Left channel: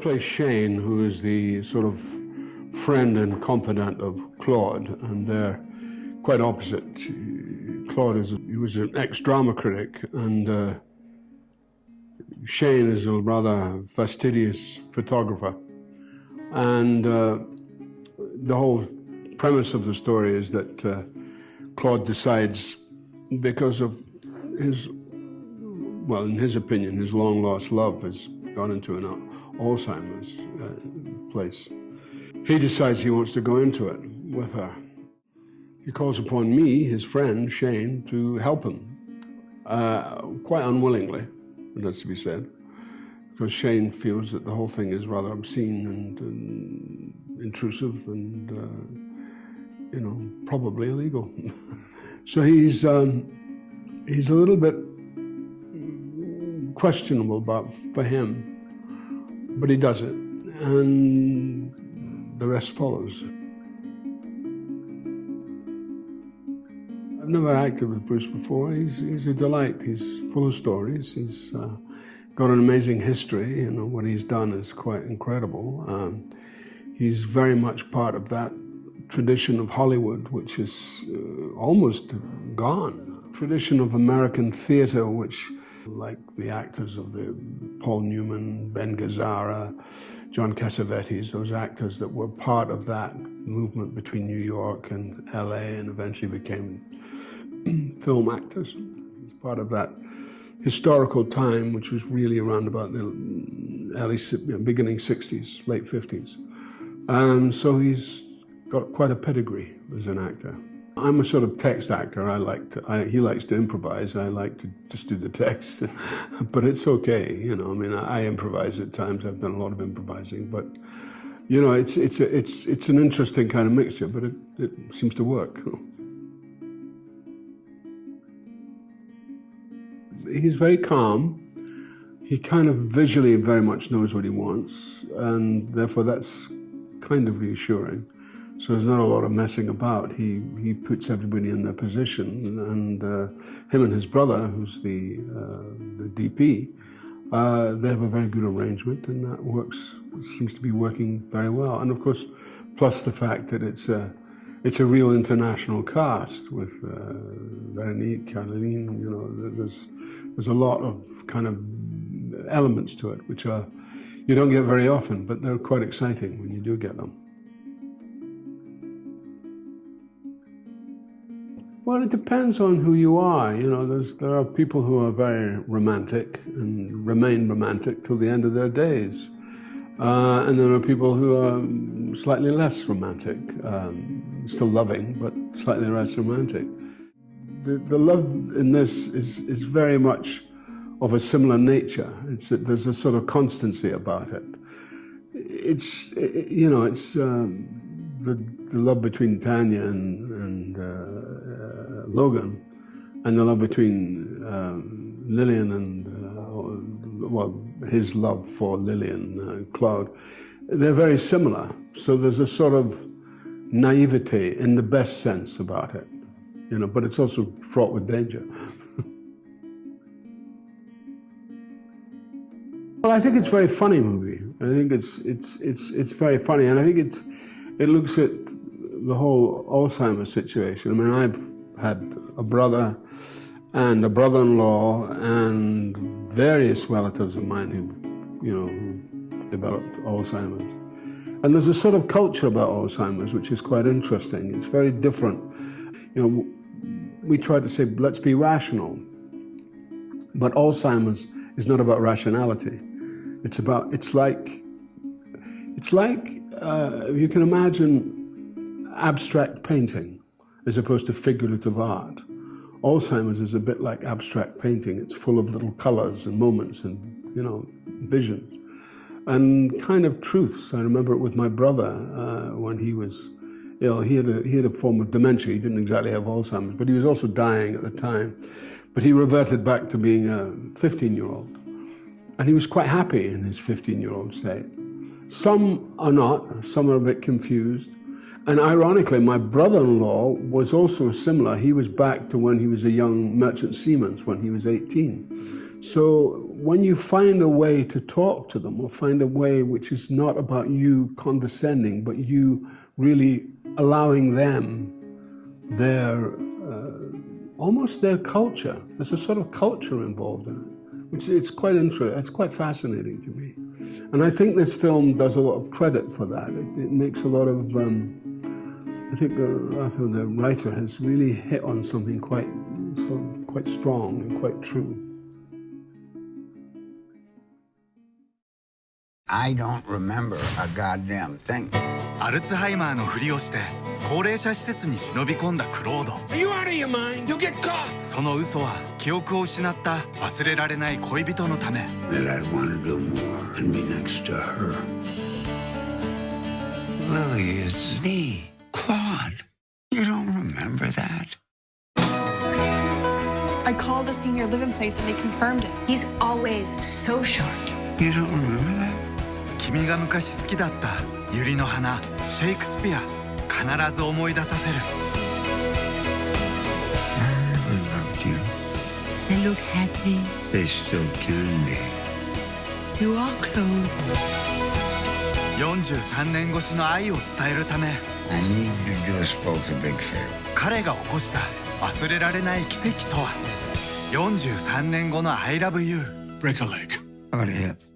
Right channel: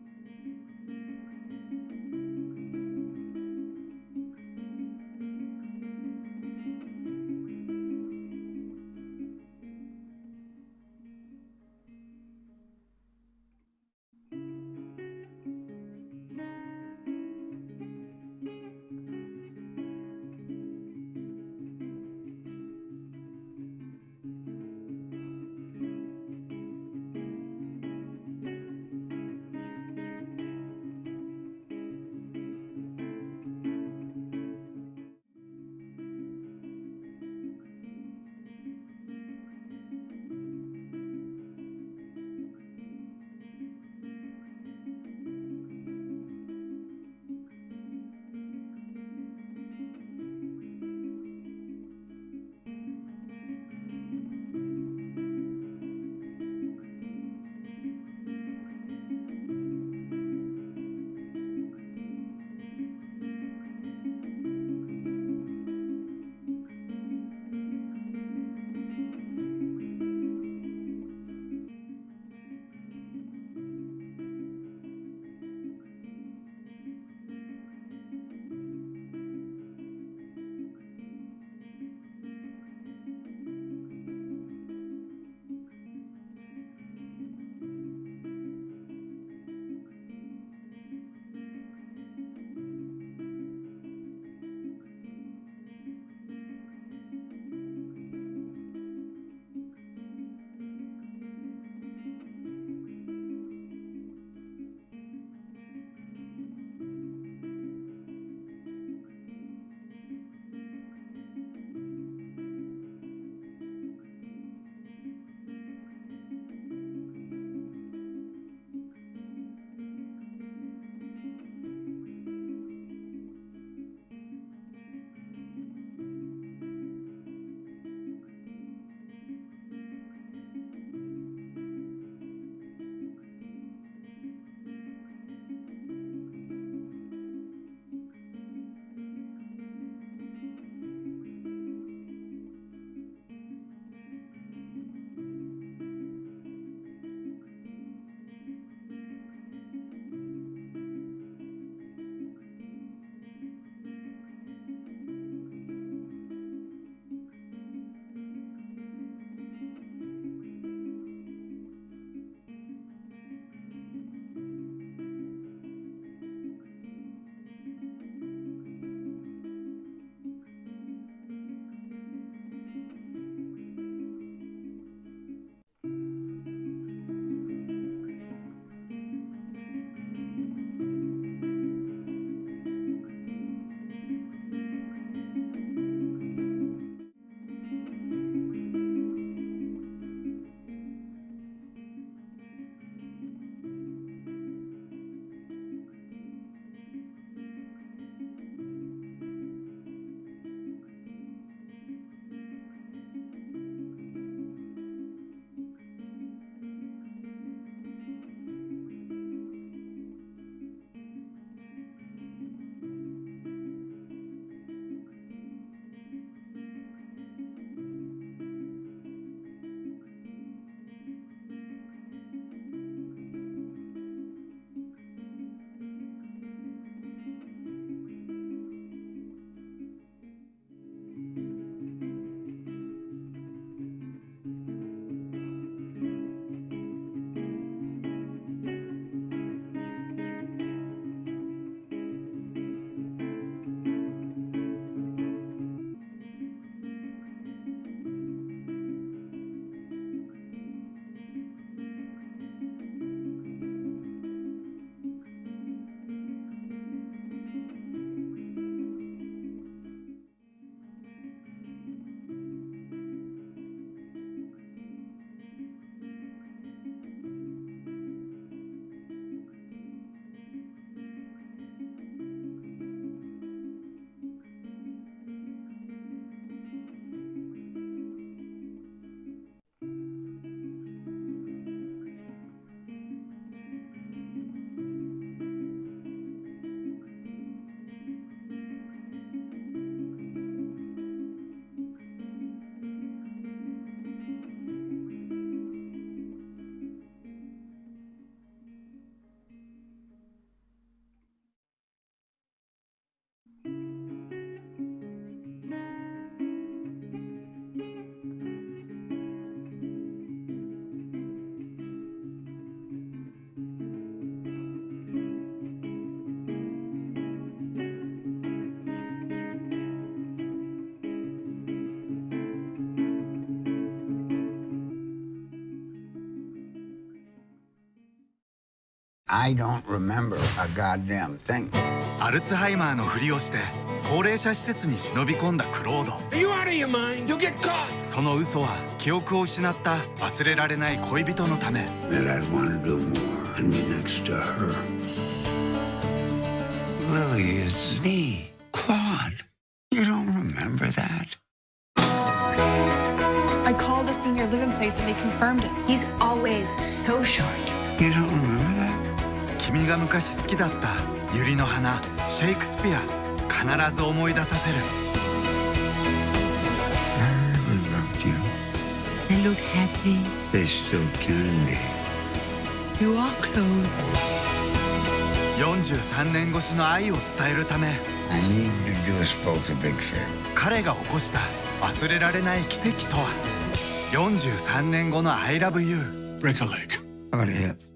Plays Shane, who is the sort of friend and confidant of Claude, and they're quite opposite. Claude was an ex-drama critic, and Shane is a rather fastidious photographer. And the whole premise of the story is that Claude decides, because of his, well, in his opinion, his long-lost love has gone into an Alzheimer's place. He decides he wants to go into it with her. He calls upon me, his friend, Shane, to help him, quite unwillingly, it has to be said, because Shane feels that the whole thing is rather obscene and intrusive and, you know, probably illegal. So he's a little bit questionable for him, but he does it, and the rest follows. I've never acted with Bruce before. He's a delight. He's full of stories. He's got an amazing history. You know, what he's done is quite incredible. He's very much part of that tradition of Hollywood, which is almost gone. Tradition of American theater, which, like the actors of the Paul Newman, Ben Gazzara, John Cassavetes, those actors that were part of that movement between New York and LA and eventually became film actors. It's part of that historical time, which was really around about the beginning 60s, late 50s. So he's got quite a pedigree as an actor. I'm a sort of text actor. He likes to improvise. I like to just do the text, but it's okay. You know, I mean, I improvise at times. I've done a lot of improvising, but you know, it's an interesting kind of mixture, but it seems to work. He's very calm. He kind of visually very much knows what he wants, and therefore that's kind of reassuring. So there's not a lot of messing about. He puts everybody in their position, and him and his brother, who's the DP, they have a very good arrangement, and that seems to be working very well. And of course, plus the fact that it's a real international cast with Veronique, Caroline. You know, there's a lot of kind of elements to it, which you don't get very often, but they're quite exciting when you do get them. Well, it depends on who you are. You know, there are people who are very romantic and remain romantic till the end of their days. And there are people who are slightly less romantic, still loving, but slightly less romantic. The love in this is very much of a similar nature. There's a sort of constancy about it. It's the love between Tanya and Logan, and the love between Lillian and his love for Lillian, Claude. They're very similar. So there's a sort of naivete in the best sense about it, you know, but it's also fraught with danger. Well, I think it's a very funny movie. I think it's very funny, and I think it looks at the whole Alzheimer's situation. I mean, I've had a brother and a brother-in-law and various relatives of mine who, you know, developed Alzheimer's. And there's a sort of culture about Alzheimer's which is quite interesting. It's very different. You know, we try to say, let's be rational. But Alzheimer's is not about rationality. It's like you can imagine abstract painting as opposed to figurative art. Alzheimer's is a bit like abstract painting. It's full of little colors and moments and, you know, visions and kind of truths. I remember it with my brother when he was ill. He had a form of dementia. He didn't exactly have Alzheimer's, but he was also dying at the time. But he reverted back to being a 15-year-old. And he was quite happy in his 15-year-old state. Some are not. Some are a bit confused. And ironically, my brother-in-law was also similar. He was back to when he was a young merchant seaman, when he was 18. So when you find a way to talk to them or find a way which is not about you condescending, but you really allowing them their, almost their culture. There's a sort of culture involved in it, which it's quite interesting. It's quite fascinating to me. And I think this film does a lot of credit for that. It makes a lot of, I think the writer has really hit on something quite strong and quite true. I don't remember a goddamn thing. アルツハイマーのふりをして高齢者施設に忍び込んだクロード。 Are you out of your mind? You'll get caught! その嘘は記憶を失った忘れられない恋人のため。 That I'd want to do more and be next to her. Lily is me. Claude. You don't remember that? I called the senior living place and they confirmed it. He's always so short. You don't remember that? 君が昔好きだった百合の花、シェイクスピア、必ず思い出させる。 I really loved you. They look happy. They still can be. You are, Claude. 43年越しの愛を伝えるため、 I need to do us both a big favor. 彼が起こした忘れられない奇跡とは。43年後の I love you。 Break a leg. How about a hip?